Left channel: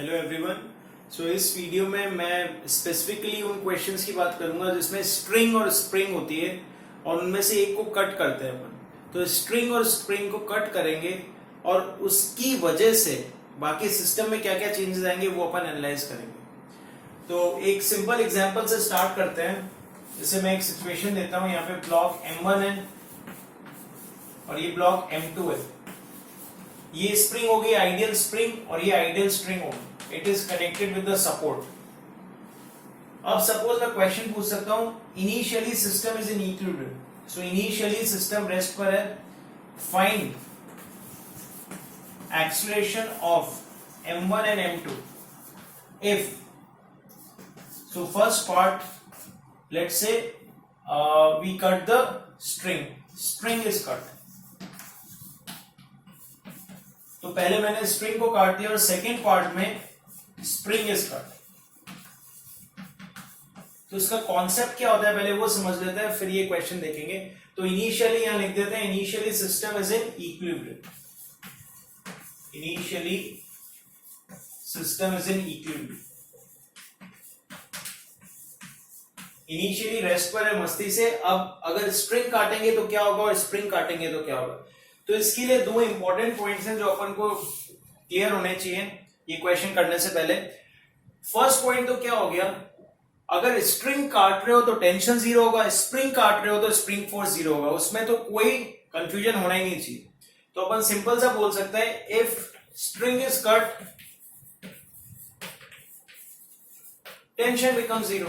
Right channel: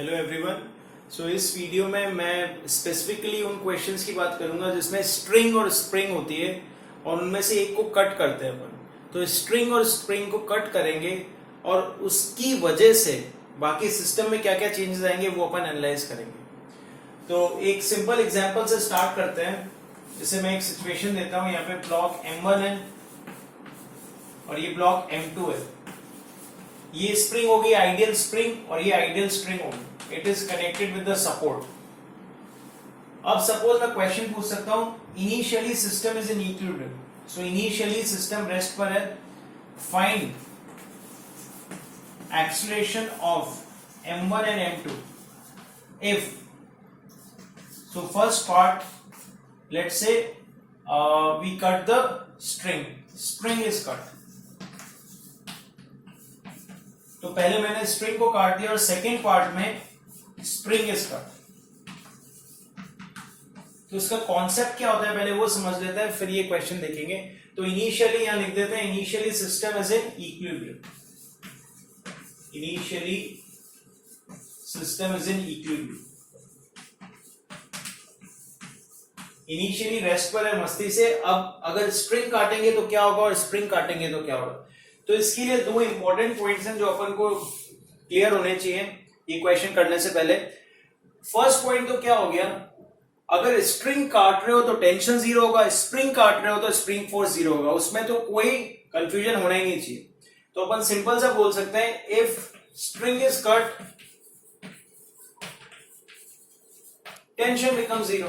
Hello everyone. सो इस video में मैं स्पेसिफिकली उन क्वेश्चंस की बात करूंगा जिसमें स्ट्रिंग और स्प्रिंग होती है और उनमें से एक को कट करते हैं अपन। तो स्ट्रिंग और स्प्रिंग को कट करेंगे और उसकी वजह से बाकी सिस्टम में क्या क्या चेंजेस आएंगे वो अपन एनालाइज करेंगे। तो एक सिंपल एग्जांपल से स्टार्ट करते हैं। जैसे मैं एक सिचुएशन देता हूं, यहाँ पे ब्लॉक M1 है और ये ब्लॉक M2 है। ये स्प्रिंग होगी आइडियल स्प्रिंग और ये आइडियल स्ट्रिंग होगी। It is connected with the support. अब सपोज मैं क्वेश्चन पूछ सकता हूं, initially system is in equilibrium. So initially system rest पर है। Find acceleration of M1 and M2 if. So first part, let's say we cut the string is cut. तो पहले मैंने स्ट्रिंग को काट लिया और सेकेंड पार्ट में स्प्रिंग इज कट। तो इसका कॉन्सेप्ट क्या होता है पहले वो समझ लेते हैं, फिर ये क्वेश्चन देखेंगे। तो इनिशियली यहां लिख देते हैं, initially system is in equilibrium. Initially system is in equilibrium. Initially rest पर है मस्ती से। अब अगर स्ट्रिंग काटेंगे तो क्या होगा और स्प्रिंग काटेंगे तो क्या होगा। तो इसके लिए दो इंपॉर्टेंट पॉइंट्स हैं जो अपन को क्लियर होने चाहिए ये क्वेश्चन करने से पहले। फर्स्ट पॉइंट तो क्या हो गया, अगर स्ट्रिंग काट रहे हो तो टेंशन जीरो होगा, स्प्रिंग काट रहे हो तो स्प्रिंग फोर्स जीरो होगा। उसमें तो कोई कंफ्यूजन होना ही नहीं चाहिए। तो अपन सिंपल सा बोल सकते हैं, if string is cut tension become zero.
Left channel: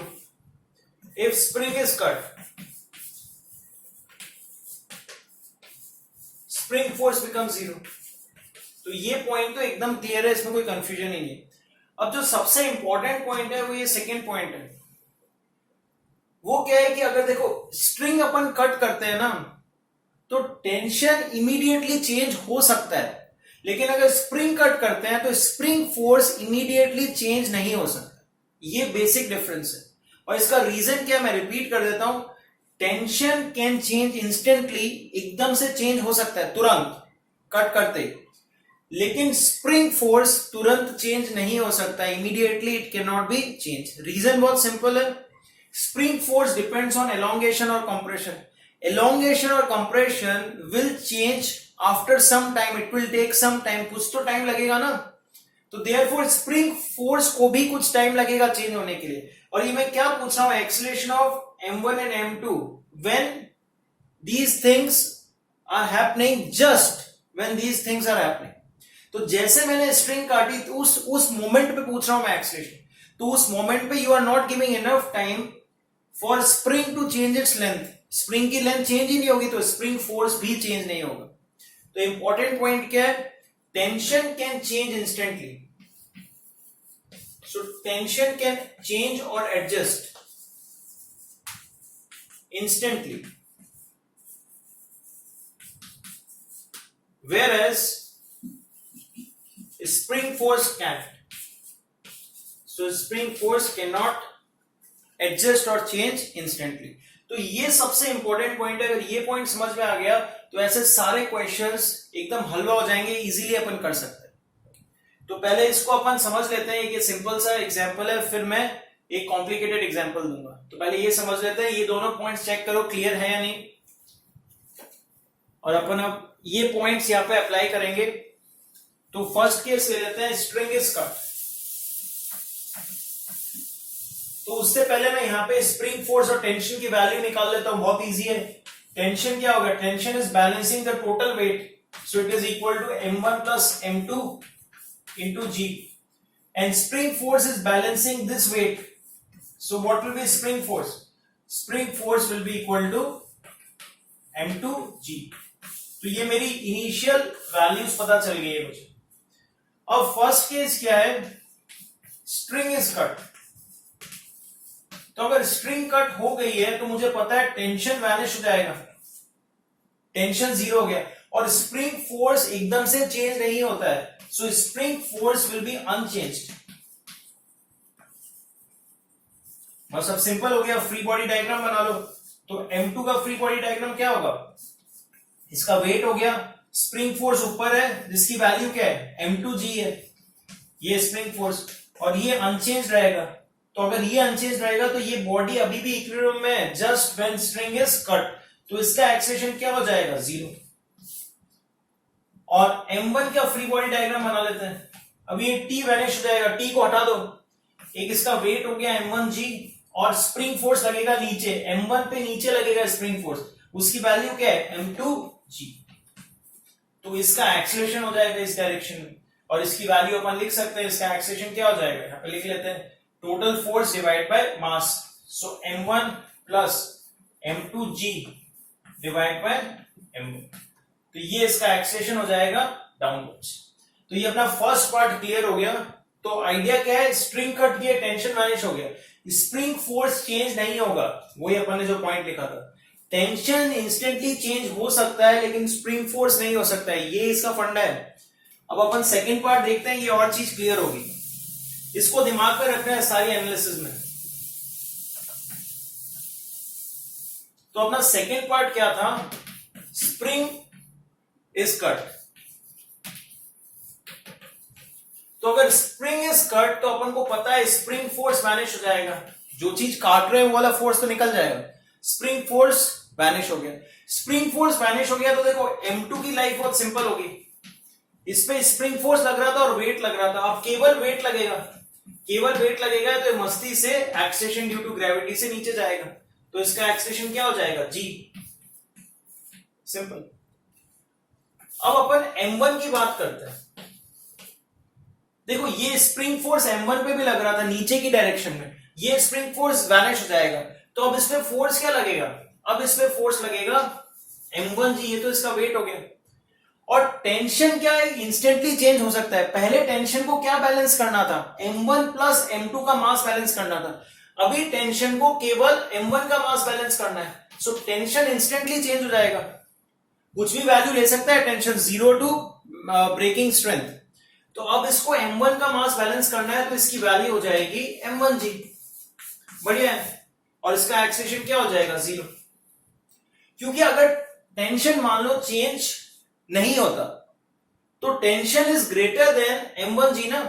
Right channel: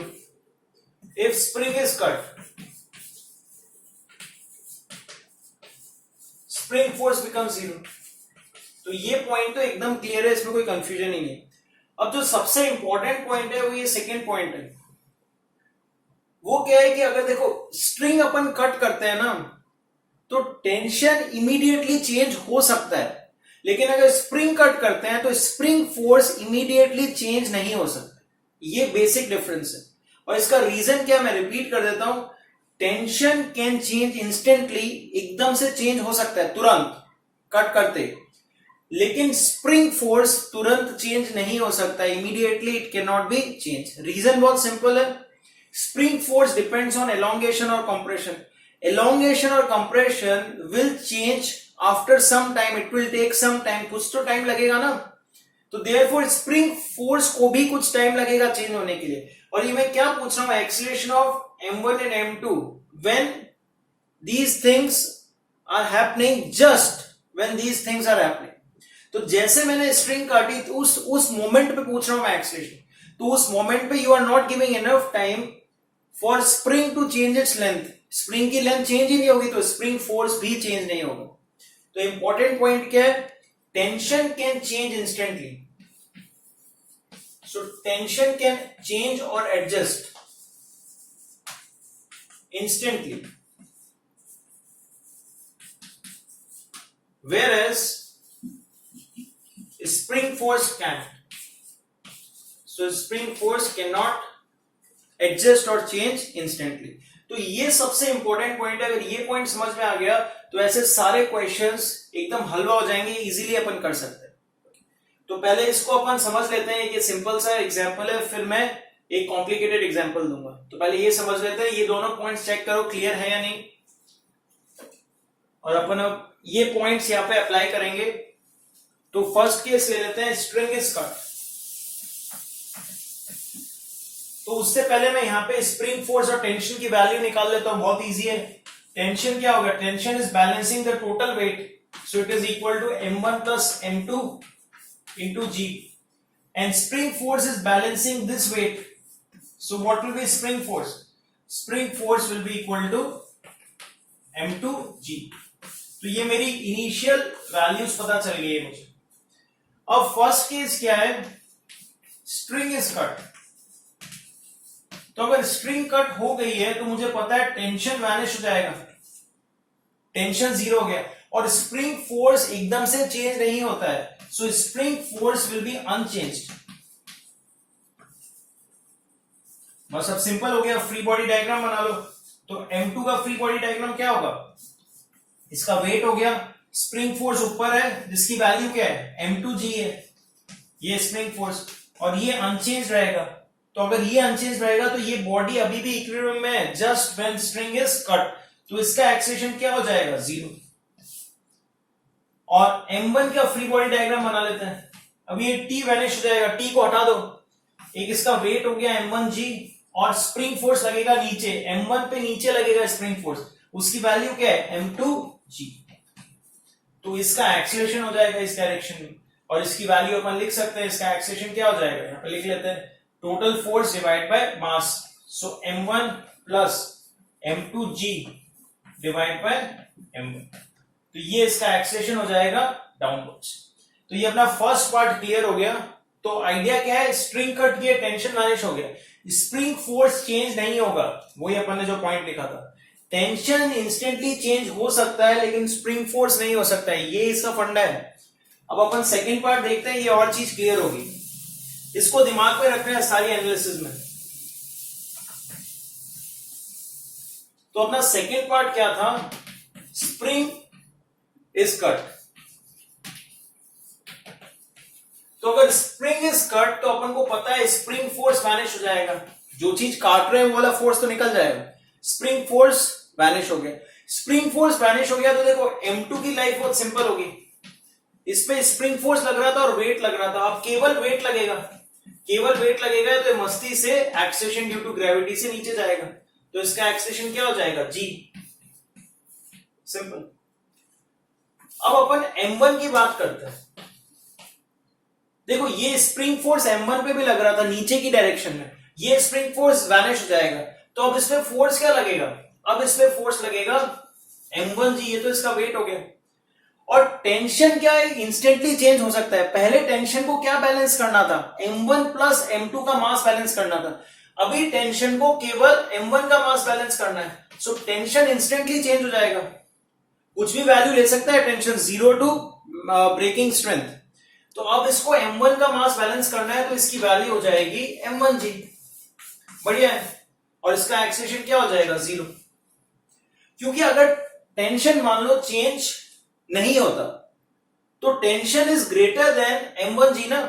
If spring is cut spring force become zero. तो ये पॉइंट तो एकदम क्लियर है, इसमें कोई कंफ्यूजन ही नहीं। अब जो सबसे इंपॉर्टेंट पॉइंट है वो ये सेकेंड पॉइंट है। वो क्या है कि अगर देखो स्ट्रिंग अपन कट करते हैं ना तो टेंशन इमीडिएटली चेंज हो सकता है, लेकिन अगर स्प्रिंग कट करते हैं तो स्प्रिंग फोर्स इमीडिएटली चेंज नहीं हो सकता। ये बेसिक डिफरेंस है। और इसका रीजन क्या मैं रिपीट कर देता हूं, टेंशन कैन चेंज इंस्टेंटली, एकदम से चेंज हो सकता है तुरंत कट करते, लेकिन स्प्रिंग फोर्स तुरंत चेंज नहीं हो सकता। Immediately it can not be change. Reason बहुत सिंपल है, spring force depends on elongation और कंप्रेशन। एलोंगेशन और compression will change after some time, it will take some time, कुछ तो टाइम लगेगा ना। तो देयरफॉर स्प्रिंग फोर्स को भी कुछ टाइम लगेगा चेंज होने के लिए। और ये मैं क्या पूछ रहा हूं, acceleration of M1 and M2 when these things are happening, just when these things are happening। तो जैसे मैंने स्ट्रिंग काटी तो उस मोमेंट पे पूछ रहा हूं मैं एक्सीलरेशन। तो उस मोमेंट पे you are not giving enough time for spring to change its length. Spring की लेंथ चेंज ही नहीं होगी तो स्प्रिंग फोर्स भी चेंज नहीं होगा। तो इंपॉर्टेंट पॉइंट क्या है, tension can change instantly. So tension can change और adjust instantly, whereas spring force can't। so spring force cannot adjust or change instantly। तो ये सबसे इंपॉर्टेंट पॉइंट है। अगर ये पॉइंट समझ में आ गया तो ऐसे सारे क्वेश्चंस एकदम हलवा हो जाएंगे, इजीली अपन कर सकते हैं। तो पहले इसको अपन समझ लेते हैं, ये सिंपल सा एग्जांपल है, फिर मैं एक कॉम्प्लिकेटेड एग्जांपल दूंगा। तो पहले ये समझ लेते हैं, ये दोनों पॉइंट्स चेक करो क्लियर है या नहीं। और अपन अब ये पॉइंट्स यहां पे अप्लाई करेंगे। तो फर्स्ट केस ले लेते हैं, स्ट्रिंग इज कट। तो उससे पहले मैं यहां पे स्प्रिंग फोर्स और टेंशन की वैल्यू निकाल लेता हूं, बहुत इजी है। टेंशन क्या हो गया, tension is balancing the total weight, so it is equal to M1 plus M2 into G। And spring force is balancing this weight, so what will be spring force? Spring force will be equal to M2G। तो ये मेरी initial values पता चल गई है मुझे। अब first case क्या है, स्ट्रिंग इज कट। तो अगर स्ट्रिंग कट हो गई है तो मुझे पता है टेंशन वैनिश हो जाएगा, टेंशन जीरो हो गया। और स्प्रिंग फोर्स एकदम से चेंज नहीं होता है, सो spring force will be unchanged. बस अब सिंपल हो गया, फ्री बॉडी डायग्राम बना लो। तो M2 का फ्री बॉडी डायग्राम क्या होगा, इसका वेट हो गया, स्प्रिंग फोर्स ऊपर है जिसकी वैल्यू क्या है M2G है। ये स्प्रिंग फोर्स, और ये अनचेंज रहेगा। तो अगर ये अनचेंज रहेगा तो ये बॉडी अभी भी इक्विलिब्रियम में है just when spring is cut, तो इसका एक्सेलेरेशन क्या हो जाएगा, 0। और m1 का फ्री बॉडी डायग्राम बना लेते हैं। अब ये t वैनिश हो जाएगा, t को हटा दो, एक इसका वेट हो गया m1g, और स्प्रिंग फोर्स लगेगा नीचे, m1 पे नीचे लगेगा स्प्रिंग फोर्स, उसकी वैल्यू क्या है, m2g। तो इसका एक्सेलरेशन हो जाएगा इस डायरेक्शन में, और इसकी वैल्यू अपन लिख सकते हैं, इसका एक्सेलरेशन क्या हो जाएगा, यहां पे लिख लेते हैं, total force divide by mass, so m1 plus m2g divide by m1, तो ये इसका एक्सेलरेशन हो जाएगा डाउनवर्ड्स। तो ये अपना फर्स्ट पार्ट क्लियर हो गया। तो आइडिया क्या है, स्प्रिंग कट किया, टेंशन वैनिश हो गया, स्प्रिंग फोर्स चेंज नहीं होगा, वही अपन ने जो पॉइंट लिखा था, टेंशन इंस्टेंटली चेंज हो सकता है लेकिन स्प्रिंग फोर्स नहीं हो सकता है, ये इसका फंडा है। अब अपन सेकंड पार्ट देखते हैं, ये और चीज क्लियर होगी, इसको दिमाग में रखना है सारी एनालिसिस में। तो अपना सेकंड पार्ट क्या था, स्प्रिंग इज कट। तो अगर स्प्रिंग इज कट तो अपन को पता है स्प्रिंग फोर्स वैनिश हो जाएगा, जो चीज काट रहे हैं वो वाला फोर्स तो निकल जाएगा, स्प्रिंग फोर्स वैनिश हो गया। स्प्रिंग फोर्स वैनिश हो गया तो देखो m2 की लाइफ बहुत सिंपल होगी, इस पे स्प्रिंग फोर्स लग रहा था और वेट लग रहा था, अब केवल वेट लगेगा, केवल वेट लगेगा तो मस्ती से एक्सेलरेशन ड्यू टू ग्रेविटी से नीचे जाएगा, तो इसका एक्सेलरेशन क्या हो जाएगा, g, सिंपल। अब अपन m1 की बात करते हैं। देखो ये स्प्रिंग फोर्स m1 पे भी लग रहा था नीचे की डायरेक्शन में, ये स्प्रिंग फोर्स वैनिश हो जाएगा, तो अब इसमें फोर्स क्या लगेगा, अब इसमें फोर्स लगेगा m1g, ये तो इसका वेट हो गया। और टेंशन क्या है, इंस्टेंटली चेंज हो सकता है, पहले टेंशन को क्या बैलेंस करना था, m1 प्लस m2 का मास बैलेंस करना था, अभी टेंशन को केवल m1 का मास बैलेंस करना है, सो टेंशन इंस्टेंटली चेंज हो जाएगा, कुछ भी वैल्यू ले सकता है टेंशन, 0 टू ब्रेकिंग स्ट्रेंथ। तो अब इसको m1 का मास बैलेंस करना है तो इसकी वैल्यू हो जाएगी m1g, बढ़िया है, और इसका एक्सेलरेशन क्या हो जाएगा, 0। क्योंकि अगर टेंशन मान लो चेंज नहीं होता तो tension is greater than m1g ना,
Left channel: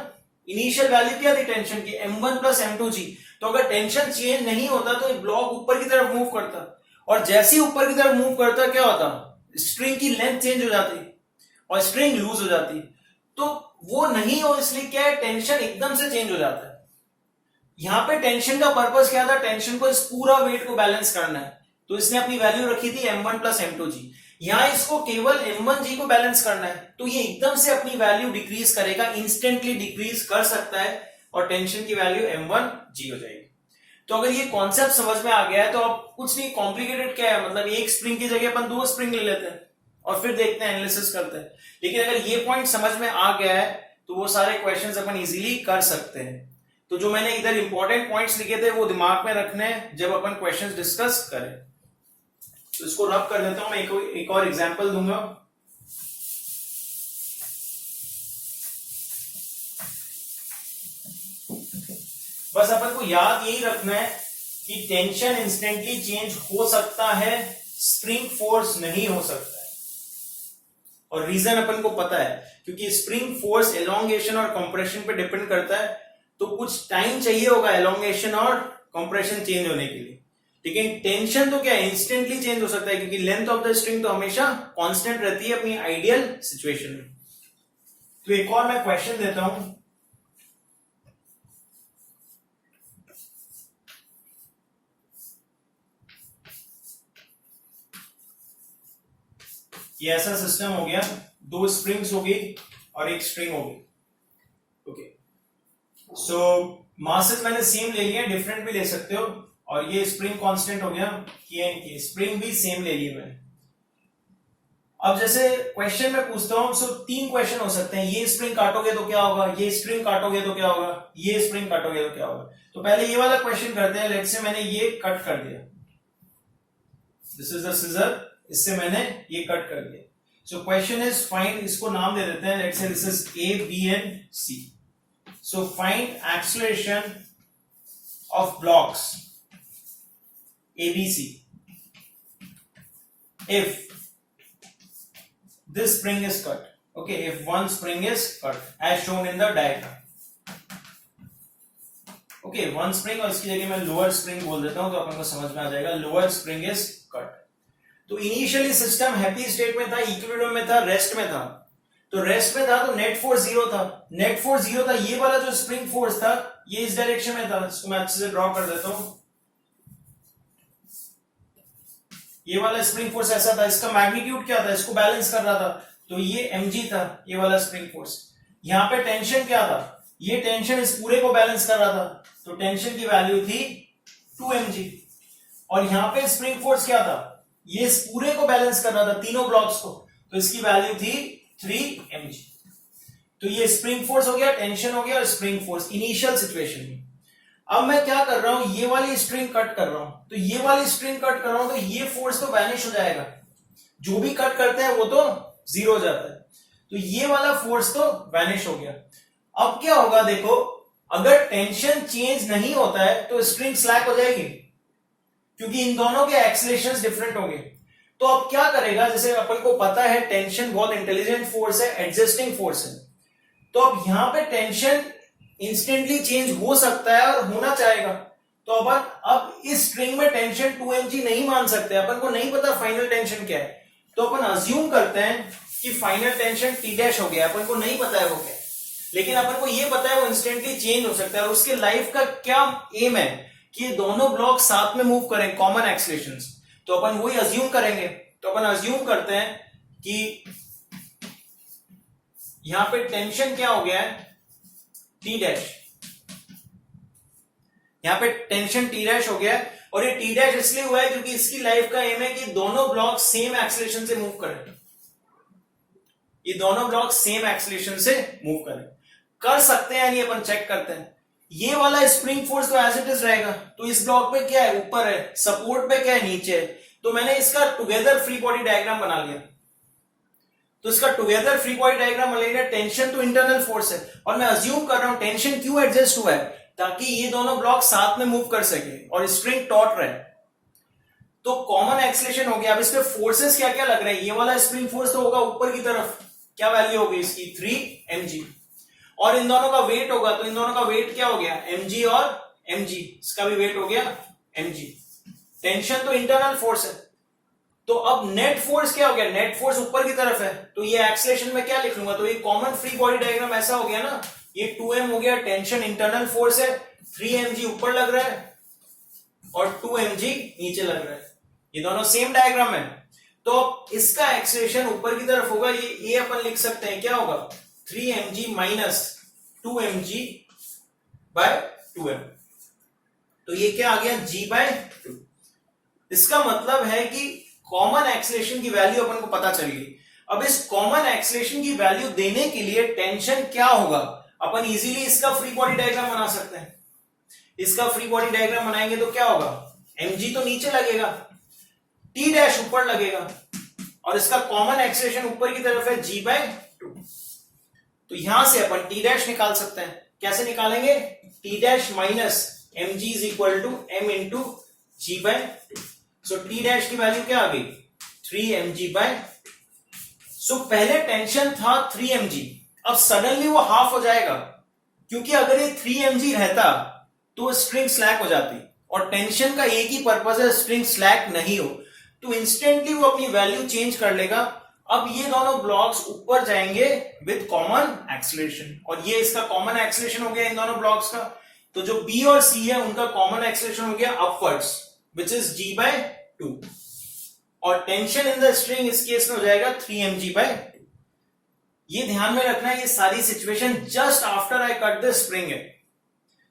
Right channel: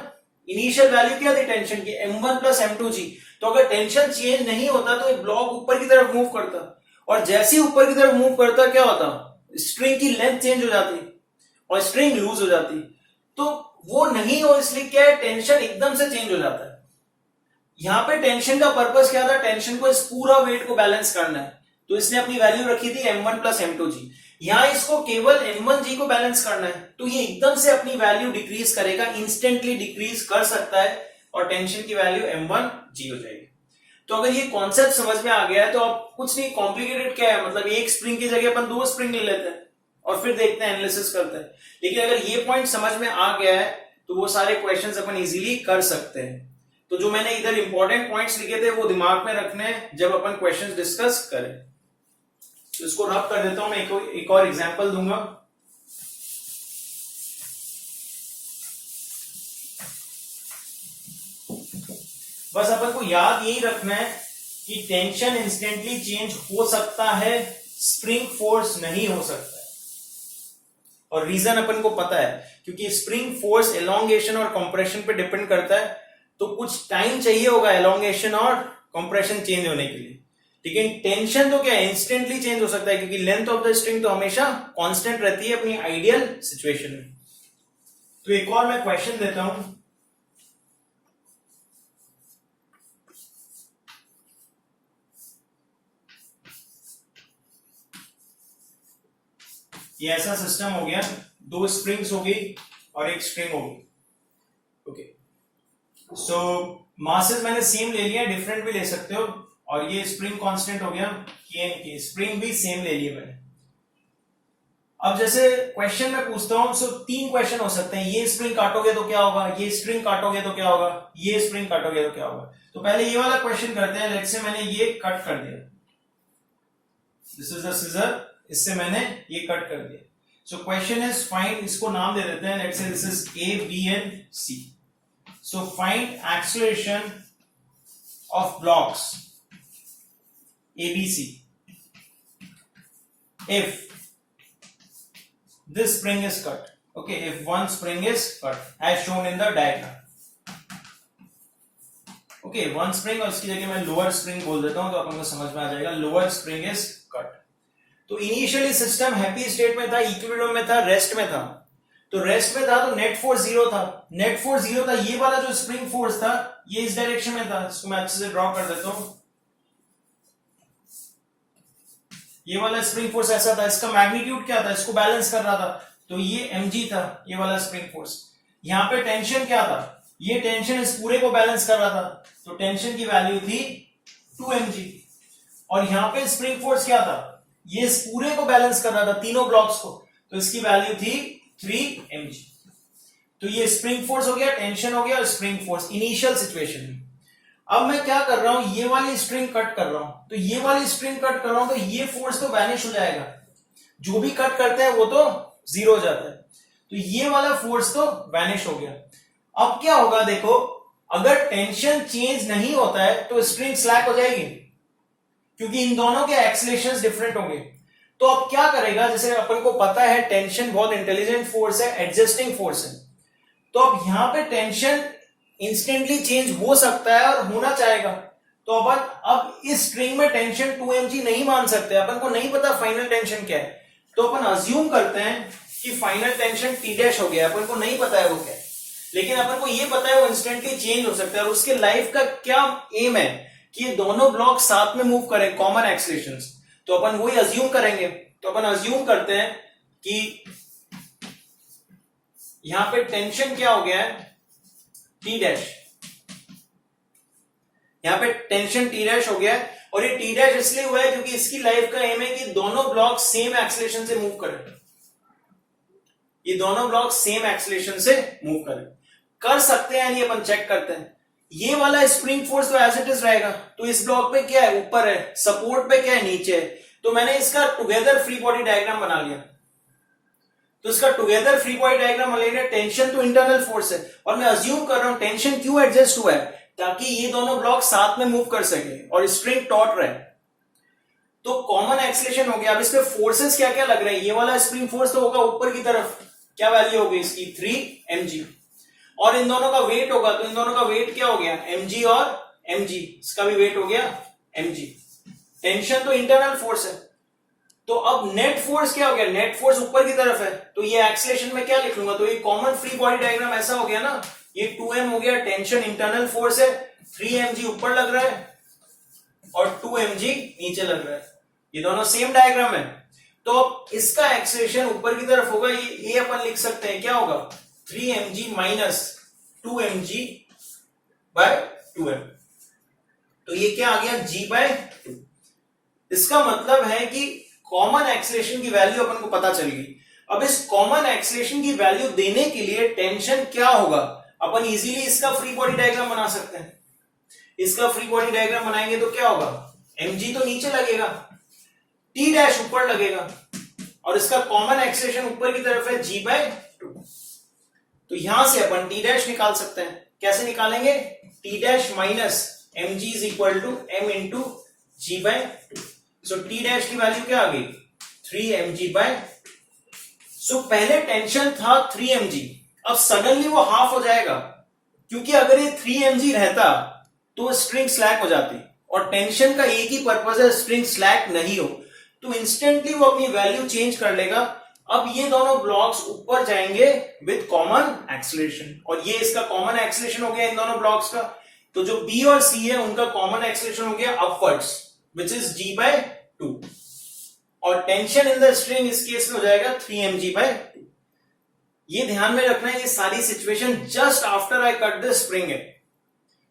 इनिशियल वैल्यू क्या थी टेंशन की, m1 प्लस m2g, तो अगर टेंशन चेंज नहीं होता तो ब्लॉक ऊपर की तरफ मूव करता, और जैसे ही ऊपर की तरफ मूव करता क्या होता, स्ट्रिंग की लेंथ चेंज हो जाती और स्ट्रिंग लूज हो जाती, तो वो नहीं हो, इसलिए क्या है, टेंशन एकदम से चेंज हो जाता है। यहां पे टेंशन का पर्पस क्या था, टेंशन को इस पूरा वेट को बैलेंस करना है, तो इसने अपनी वैल्यू रखी थी m1 प्लस m2g, यहां इसको केवल m1g को बैलेंस करना है, तो ये एकदम से अपनी वैल्यू डिक्रीज करेगा, इंस्टेंटली डिक्रीज कर सकता है, और टेंशन की वैल्यू m1g हो जाएगी। तो अगर ये कॉन्सेप्ट समझ में आ गया है तो अब कुछ नहीं कॉम्प्लिकेटेड क्या है, मतलब एक स्प्रिंग की जगह अपन 2 स्प्रिंग ले लेते हैं और फिर देखते हैं, एनालिसिस करते हैं। लेकिन अगर ये पॉइंट समझ में आ गया है तो वो सारे क्वेश्चंस अपन इजीली कर सकते हैं। तो जो मैंने इधर इंपॉर्टेंट पॉइंट्स लिखे थे वो दिमाग में रखने हैं जब अपन क्वेश्चंस डिस्कस करें। तो इसको रब कर देता हूं, मैं एक और एग्जांपल दूंगा। बस अपन को याद यही रखना है कि टेंशन इंस्टेंटली चेंज हो सकता है, स्प्रिंग फोर्स नहीं हो सकता है, और रीजन अपन को पता है क्योंकि स्प्रिंग फोर्स एलोंगेशन और कंप्रेशन पे डिपेंड करता है, तो कुछ टाइम चाहिए होगा एलोंगेशन और कंप्रेशन चेंज होने के लिए, लेकिन टेंशन तो क्या है, इंस्टेंटली चेंज हो सकता है क्योंकि लेंथ ऑफ द स्ट्रिंग तो हमेशा कांस्टेंट रहती है अपनी आइडियल सिचुएशन में। तो एक और मैं क्वेश्चन देता हूं, ये ऐसा सिस्टम हो गया, 2 स्प्रिंग्स होगी और एक स्ट्रिंग होगी, ओके। सो मासेस मैंने सेम ले लिया, डिफरेंट भी ले सकते हो, और ये स्प्रिंग कांस्टेंट हो गया, की स्प्रिंग भी सेम ले लिए मैंने। अब जैसे क्वेश्चन में पूछता हूं, सो 3 क्वेश्चन हो सकते हैं, ये स्प्रिंग काटोगे तो क्या होगा, ये स्प्रिंग काटोगे तो क्या होगा, ये स्प्रिंग काटोगे तो क्या होगा। तो पहले ये वाला क्वेश्चन करते हैं, लेट्स से मैंने ये कट कर दिया, दिस इज द सीजर, इससे मैंने ये कट कर दिया। सो क्वेश्चन इज फाइंड, इसको नाम दे देते हैं, let's say this is A, B and C. So find acceleration of blocks ABC if this spring is cut, okay, if one spring is cut as shown in the diagram. Okay, one spring, और इसकी जगह मैं lower spring बोल देता हूं तो अपन को समझ में आ जाएगा, लोअर स्प्रिंग इज कट। तो इनिशियली सिस्टम हैप्पी स्टेट में था, इक्विलिब्रियम में था, रेस्ट में था। तो रेस्ट में था तो नेट फोर्स जीरो था, नेट फोर्स जीरो था। ये वाला जो स्प्रिंग फोर्स था ये इस डायरेक्शन में था, इसको मैं अच्छे से ड्रॉ कर देता हूं। ये वाला स्प्रिंग फोर्स ऐसा था, इसका मैग्नीट्यूड क्या था, इसको बैलेंस कर रहा था, तो ये mg था, ये वाला स्प्रिंग फोर्स। यहां पे टेंशन क्या था, ये टेंशन इस पूरे को बैलेंस कर रहा था, तो टेंशन की वैल्यू थी 2mg। और यहां पे स्प्रिंग फोर्स क्या था, ये इस पूरे को बैलेंस कर रहा था, तीनों ब्लॉक्स को, तो इसकी वैल्यू थी 3mg। तो ये स्प्रिंग फोर्स हो गया, टेंशन हो गया और स्प्रिंग फोर्स इनिशियल सिचुएशन में। अब मैं क्या कर रहा हूं, ये वाली स्ट्रिंग कट कर रहा हूं, तो ये वाली स्ट्रिंग कट कर रहा हूं तो ये फोर्स तो वैनिश हो जाएगा, जो भी कट करते हैं वो तो जीरो हो जाता है, तो ये वाला फोर्स तो वैनिश हो गया। अब क्या होगा देखो, अगर टेंशन चेंज नहीं होता है तो स्ट्रिंग स्लैक हो जाएगी, क्योंकि इन दोनों के एक्सीलरेशंस डिफरेंट होंगे। तो अब क्या करेगा, जैसे अपन को पता है टेंशन बहुत इंटेलिजेंट फोर्स है, एडजस्टिंग फोर्स है, तो अब यहां पे टेंशन इंस्टेंटली चेंज हो सकता है और होना चाहेगा, तो अपन अब इस स्ट्रिंग में टेंशन 2mg नहीं मान सकते, अपन को नहीं पता फाइनल टेंशन क्या है, तो अपन अज्यूम करते हैं कि फाइनल टेंशन T डैश हो गया, अपन को नहीं पता है वो क्या है, लेकिन अपन को ये पता है वो इंस्टेंटली चेंज हो सकता है। और उसके लाइफ का क्या एम है कि ये दोनों ब्लॉक साथ में मूव करें, कॉमन एक्सीलरेशंस, तो अपन वही अज्यूम करेंगे। तो अपन अज्यूम करते हैं कि यहां पे टेंशन क्या हो गया है, T डैश, यहां पे टेंशन T डैश हो गया है, और ये T डैश इसलिए हुआ है क्योंकि इसकी लाइफ का एम है कि दोनों ब्लॉक सेम एक्सीलरेशन से मूव करें, ये दोनों ब्लॉक सेम एक्सीलरेशन से मूव करें। कर सकते हैं नहीं, अपन चेक करते हैं। ये वाला स्प्रिंग फोर्स तो एज इट इज रहेगा, तो इस ब्लॉक पे क्या है, ऊपर है, सपोर्ट पे क्या है, नीचे है, तो मैंने इसका टुगेदर फ्री बॉडी डायग्राम बना लिया। तो इसका टुगेदर फ्री बॉडी डायग्राम बना लिया, टेंशन तो इंटरनल फोर्स है, और मैं अज्यूम कर रहा हूं टेंशन क्यों एडजस्ट हुआ है, ताकि ये दोनों ब्लॉक साथ में मूव कर सके और स्ट्रिंग टॉट रहे, तो कॉमन एक्सीलरेशन हो गया। अब इसके फोर्सेस क्या क्या लग रहे हैं, ये वाला स्प्रिंग फोर्स तो होगा ऊपर की तरफ, क्या वैल्यू होगी इसकी 3mg, और इन दोनों का वेट होगा, तो इन दोनों का वेट क्या हो गया, mg और mg, इसका भी वेट हो गया mg। टेंशन तो इंटरनल फोर्स है, तो अब नेट फोर्स क्या हो गया, नेट फोर्स ऊपर की तरफ है, तो ये एक्सीलरेशन में क्या लिख लूंगा, तो ये कॉमन फ्री बॉडी डायग्राम ऐसा हो गया ना, ये 2m हो गया, टेंशन इंटरनल फोर्स है, 3mg ऊपर लग रहा है और 2mg नीचे लग रहा है, ये दोनों सेम डायग्राम है। तो इसका एक्सीलरेशन ऊपर की तरफ होगा, ये अपन लिख सकते हैं क्या होगा, 3mg minus 2mg bye 2m, तो ये क्या आ गया, g बाय 2। इसका मतलब है कि कॉमन एक्सीलरेशन की वैल्यू अपन को पता चल गई। अब इस कॉमन एक्सीलरेशन की वैल्यू देने के लिए टेंशन क्या होगा, अपन इजीली इसका फ्री बॉडी डायग्राम बना सकते हैं। इसका फ्री बॉडी डायग्राम बनाएंगे तो क्या होगा, mg तो नीचे लगेगा, T डैश ऊपर लगेगा, और इसका कॉमन एक्सीलरेशन ऊपर की तरफ है g बाय 2। तो यहां से अपन T डैश निकाल सकते हैं, कैसे निकालेंगे, T dash minus mg is equal to m into g by 2। So T dash की वैल्यू क्या आ गई, 3mg बाय। सो पहले टेंशन था 3mg, अब सडनली वो हाफ हो जाएगा, क्योंकि अगर ये 3mg रहता तो स्ट्रिंग स्लैक हो जाती, और टेंशन का एक ही पर्पज है स्ट्रिंग स्लैक नहीं हो, तो इंस्टेंटली वो अपनी वैल्यू चेंज कर लेगा। अब ये दोनों ब्लॉक्स ऊपर जाएंगे विद कॉमन एक्सीलरेशन, और ये इसका कॉमन एक्सीलरेशन हो गया इन दोनों ब्लॉक्स का, तो जो B और C है उनका कॉमन एक्सीलरेशन हो गया upwards which is g by 2, और टेंशन इन द स्ट्रिंग इस केस में हो जाएगा 3mg बाय 2। ये ध्यान में रखना है, ये सारी situation just after I cut the spring है,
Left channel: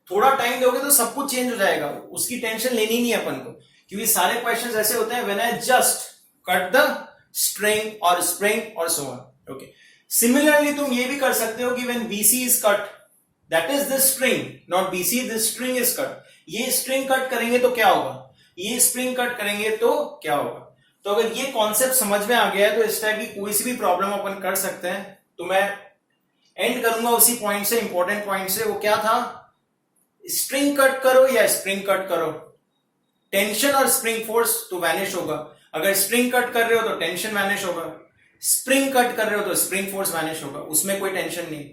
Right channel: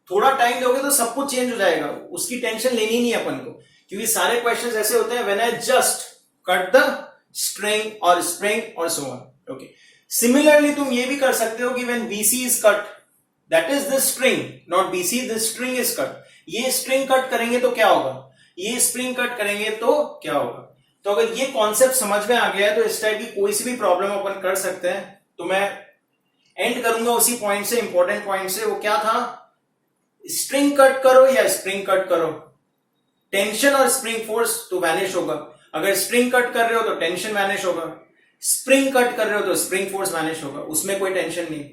थोड़ा टाइम दोगे तो सब कुछ चेंज हो जाएगा, उसकी टेंशन लेनी नहीं है अपन को, क्योंकि सारे क्वेश्चंस ऐसे होते हैं when I just cut the string और स्प्रिंग और सो ऑन। ओके, सिमिलरली तुम ये भी कर सकते हो कि when BC is cut, that is the string, not BC, the string is cut, ये स्ट्रिंग कट करेंगे तो क्या होगा, ये स्प्रिंग कट करेंगे तो क्या होगा। तो अगर ये कॉन्सेप्ट समझ में आ गया है तो इस टाइप की कोई सी भी प्रॉब्लम अपन कर सकते हैं। तो मैं एंड करूंगा उसी पॉइंट से, इंपॉर्टेंट पॉइंट से, वो क्या था, स्ट्रिंग कट करो या स्प्रिंग कट करो, टेंशन और स्प्रिंग फोर्स तो वैनिश होगा। अगर स्प्रिंग कट कर रहे हो तो टेंशन वैनिश होगा, स्प्रिंग कट कर रहे हो तो स्प्रिंग फोर्स वैनिश होगा, उसमें कोई टेंशन नहीं।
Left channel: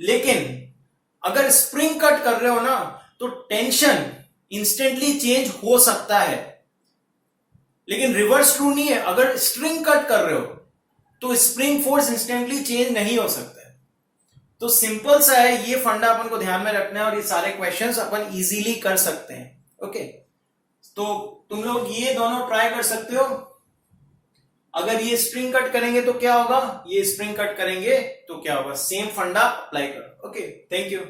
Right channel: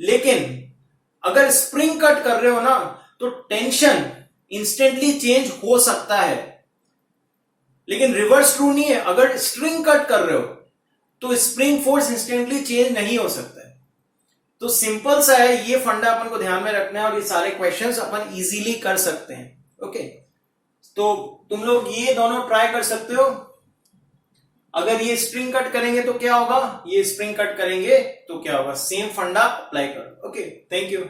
लेकिन अगर स्प्रिंग कट कर रहे हो ना तो टेंशन इंस्टेंटली चेंज हो सकता है, लेकिन रिवर्स ट्रू नहीं है। अगर स्प्रिंग कट कर रहे हो तो स्प्रिंग फोर्स इंस्टेंटली चेंज नहीं हो सकता है। तो सिंपल सा है, ये फंडा अपन को ध्यान में रखना है और ये सारे क्वेश्चंस अपन इजीली कर सकते हैं। ओके, तो तुम लोग ये दोनों ट्राई कर सकते हो। अगर ये स्प्रिंग कट करेंगे तो क्या होगा, ये स्प्रिंग कट करेंगे तो क्या होगा, सेम फंडा अप्लाई करो। Okay, thank you.